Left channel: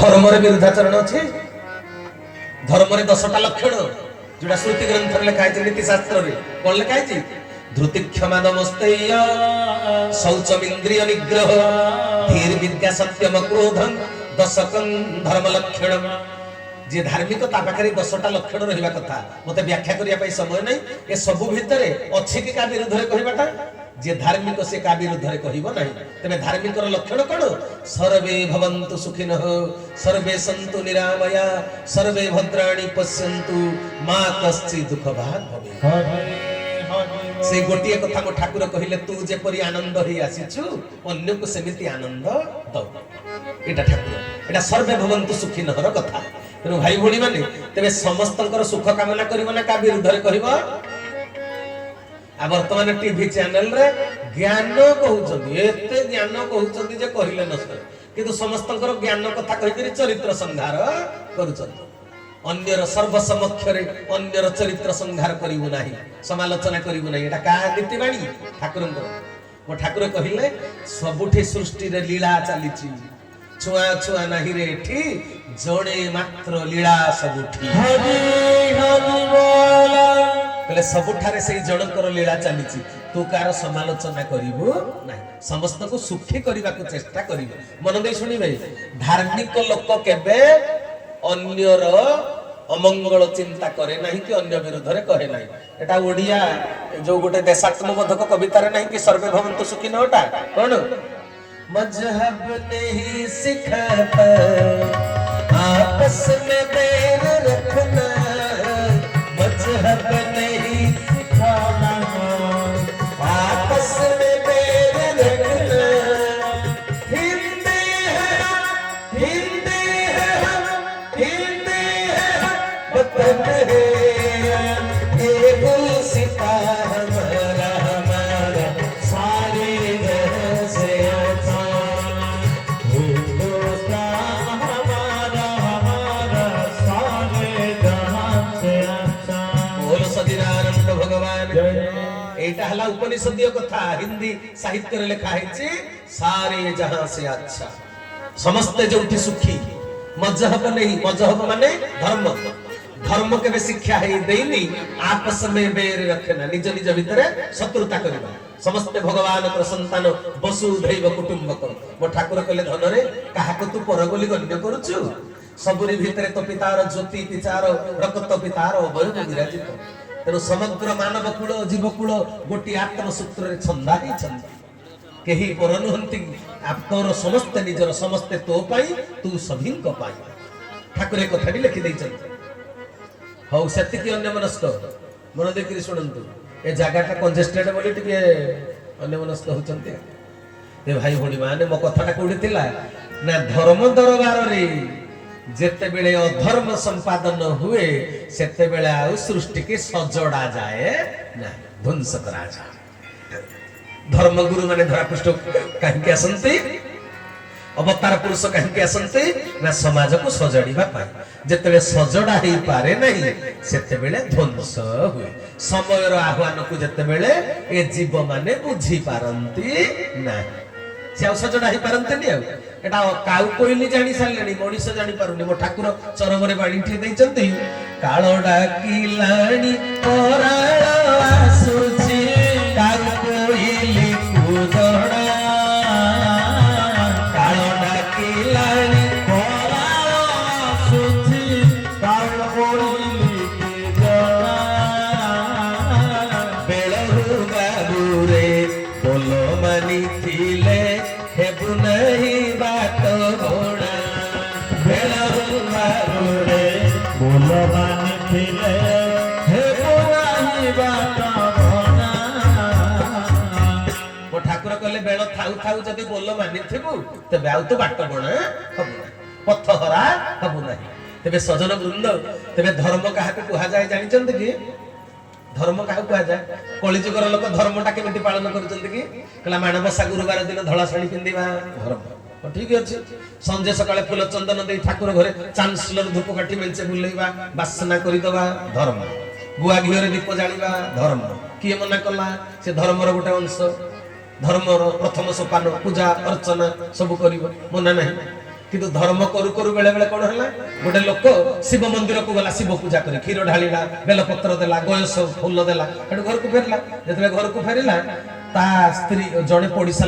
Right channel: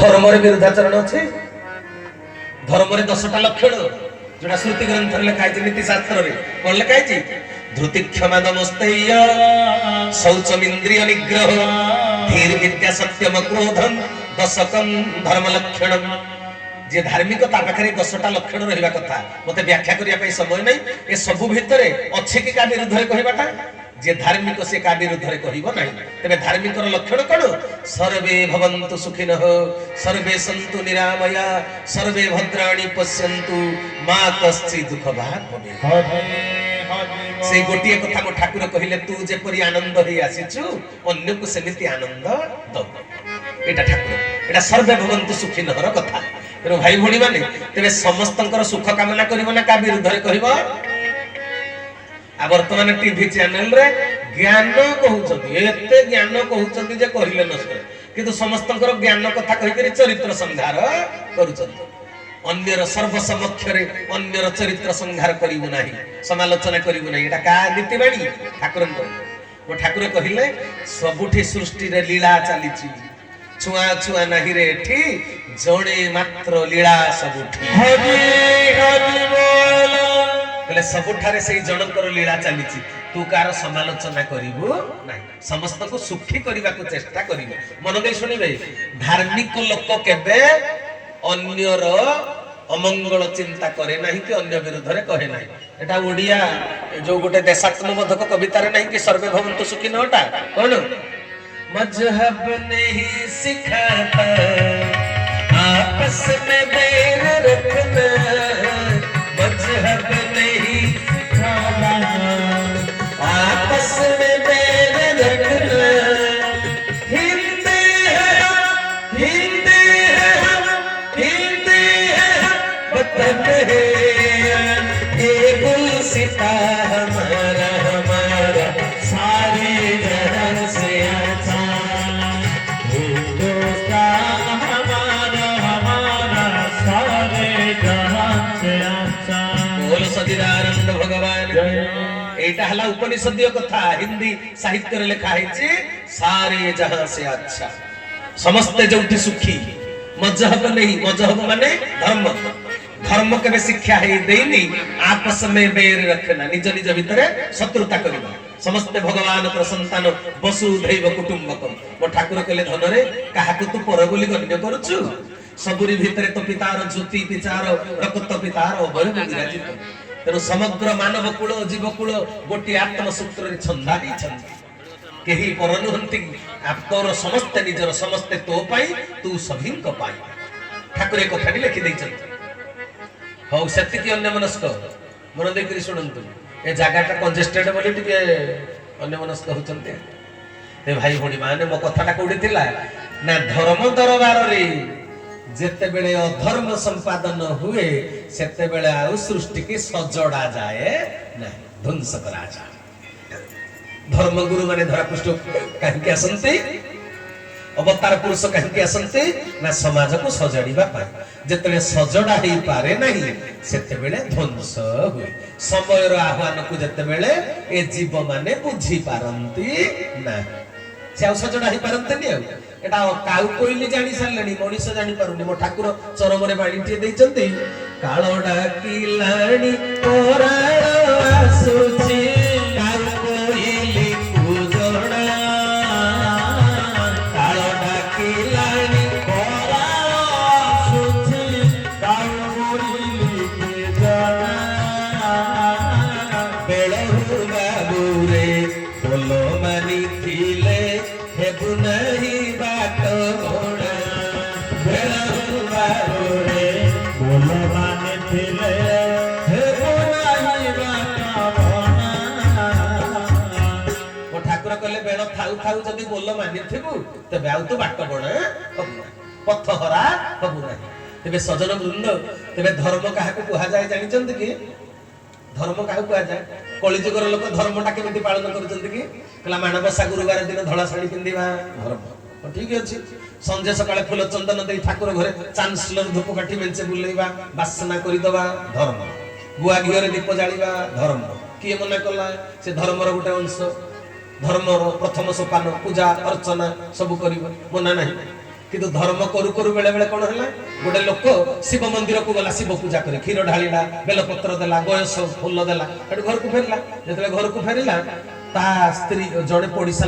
धर्म विरुद्धाचरण अच्छे धर्म 10टा लक्षण जोड़ा श्रुति ग्रंथ लिखाई नीति शास्त्र कौन लिखाई धृति क्षमा नमस्तेय शौचमिंद्रिय निग्रह धीर विद्या सत्यम क्रोधम दशकम धर्म लक्षणम जे धार्मिक पाखे 10टा लक्षण रहा कथा मत व्याख्या करने समय नहीं ए सबु भितर अच्छे कि क्या विरुद्ध कहवाटा जे धार्मिक से का विरुद्ध कहब ना तेरे धार्मिक लक्षण कौन सर्वे भवन्तु सुखिनः सर्वे सन्तु निरामया सर्वे भद्राणि पश्यन्तु मां कश्चित् दुख भाग भवेत् से गोटे कथा को ठाकुर कहले तू जेपरी आनंद ही आसीचु अन्य को सेमिति आनंद दो एटा ठाकुर एटा सर्वे भवन्तु सुखिनः र कथा तेरे भाई भणी माने तेरे समस्तंकर सुख कामना करिवो ना का विरुद्ध कहब आ वर्तमान टीवी चैनल रे ज्ञान कहउछन्ती एते ज्ञान कहउछन्ती जे कहिले न सरे किंतु समस्तंकर ज्ञान कथा कहि करी चरित्र संहार करूछन्ती अन्यर सर्व समक्ष रे अन्यर चरित्र संहार करिवु नाही समालोचना करिवु नाही एटा का नीतिबाणी ठाकुरंकर वो ठाकुर कहिले सबुठी सृष्टि रे लीला चालीची छुआ छुआ नाही रे एठी जणे मात्र लीला सबुठी हरि हरि बोला बोले सबुठारे से जनकर लीला चलीची तू कार समालोचना करिवु नाही समस्त को सुखी करबा को चेष्टा करिवु मन दे सुनिबे धार्मिक लोक केबे अन्यर अमंगल चिंता करे नाही कि अन्य विरुद्ध रे कहे नाही एटा ओडिया जो गोटे देशात्मबोधक कविता रे नाही कि सर्वे भवन्तु सुखिनोटा कोन मजहब नहीं सिखाता आपस में बैर रखना मजहब नहीं सिखाना आपस में बैर रखना हिंदे है हिंदे है हिंदे है वतन है एक सिता हमारा हमारा सारे जहां से हला उपनिषदीय कथा हिंदी साहित्य रे लिखा है सारे जहां से अच्छा समस्ते जोठी सुखी मजहब नहीं मजहब माने धर्म धर्म के शिक्षा है देनी आपस में बैर रखना निज निज भीतर शत्रुता करना समस्ते भगवान तर संतान वसुधैव कुटुंबकम मो ठाकुर कहले धन रे काहा को तू पर बोली गण्य करूछु सबुरी भीतर तो पितार ज्योति पितार रक्त पितार उभय विराजित तेणु समग्र मानव कूल जीव कूल गोटे आत्म सूत्र छंदा ही छंदी केही पर नुहंती तोर समस्ते निजर समस्ते तो पाई तू सभी को पाई ठाकुर एक कथाटी लिखि दैछन्ति हौ सेतिकी अन्य मनस्क मन देखि सुनंतु ए जगाटा कंजेस्टेड बोली टिके अन्य मनस्क होचन्ति ते भाई भणी माने मो कथाटा कोडी थिला ना धर्म दरबार रे जेते बेले अधर्म संपादन हुए सेते बेले आउ सृष्टि के सजड़ा जाए ना ध्वंस करा जाए धर्म गुरु माने धरा पृष्ठ कहीं के असंती अवतार पुरुष कहीं के असंती ना समाज को सजड़ीबा पाए जेते सजड़ा ही पारे नहीं सेते बेले ध्वंस हुए समय रो आह्वान को जेते बेले ए जीव माने बुझी पारंती ना से सजड़ा ही पारंती नहीं एटा काउ कोइली जानि सारलेनी मनीष जानि पारुनी मो ठाकुर चरम रे बाणी ठी दैचंती कालो डाकिलाणी तोराळो आसुची काउ कोइली कुजणा कालो डाकिलाणी तोराळो आसुची काउ कोइली कुजणा बेळहु बाबुरे बोलो मानी थिले हेबु नहीं बात घोड़ा बेलहु बाबुरे बोलो मानी थिले हेबु नहीं बात घोड़ा वो ठाकुर कहले बेल थाउ थाउ जदि बोलो मानी थिबु तबे आउ तो बाट बणा हबु ना पथ हरा हबु ना तबे सजन वृंद तबे धर्म काहा को कहा जाय जानि चंद कि धर्म काहे कहा जाए कलिजुगर लोक धर्मटा केमिति पालन करछन्ति कि कला मानवसा गुरुवार दिन धला साड़ी पिंदिबा धर्म ठीक अछि संजय सकाळे फूल चंदन दे ठाकुर घरे चांसलर धूपकाठी मेंचे बुलेइबा बासना करि दबा धर्म गुआ घियर दीप जालिबा धर्म किए मना कला से धर्मर गोटे अंश धर्मर प्रथम सोपान पूजा अर्चना सब करिवो मना नहीं କିନ୍ତୁ ଧର୍ମ କରୁ କରୁ ବେଳେ ବେଳେ କଣ ହେଲା, ଗୋଟେ ଲୋକ ଶିବ ମନ୍ଦିରକୁ ଗଲା, ଶିବ ପୂଜା କରି କ୍ଷୀର ଢାଳିଲା, ବେଲପତ୍ର ଦେଲା, ଗୟସ ଫୁଲ ଦେଲା, ସେଠୁ ଘରକୁ ଫେରିଲା। ଯେତେବେଳେ ଘରକୁ ଫେରିଲା ତା ସ୍ତ୍ରୀ ଜଣେ ପଡିଶା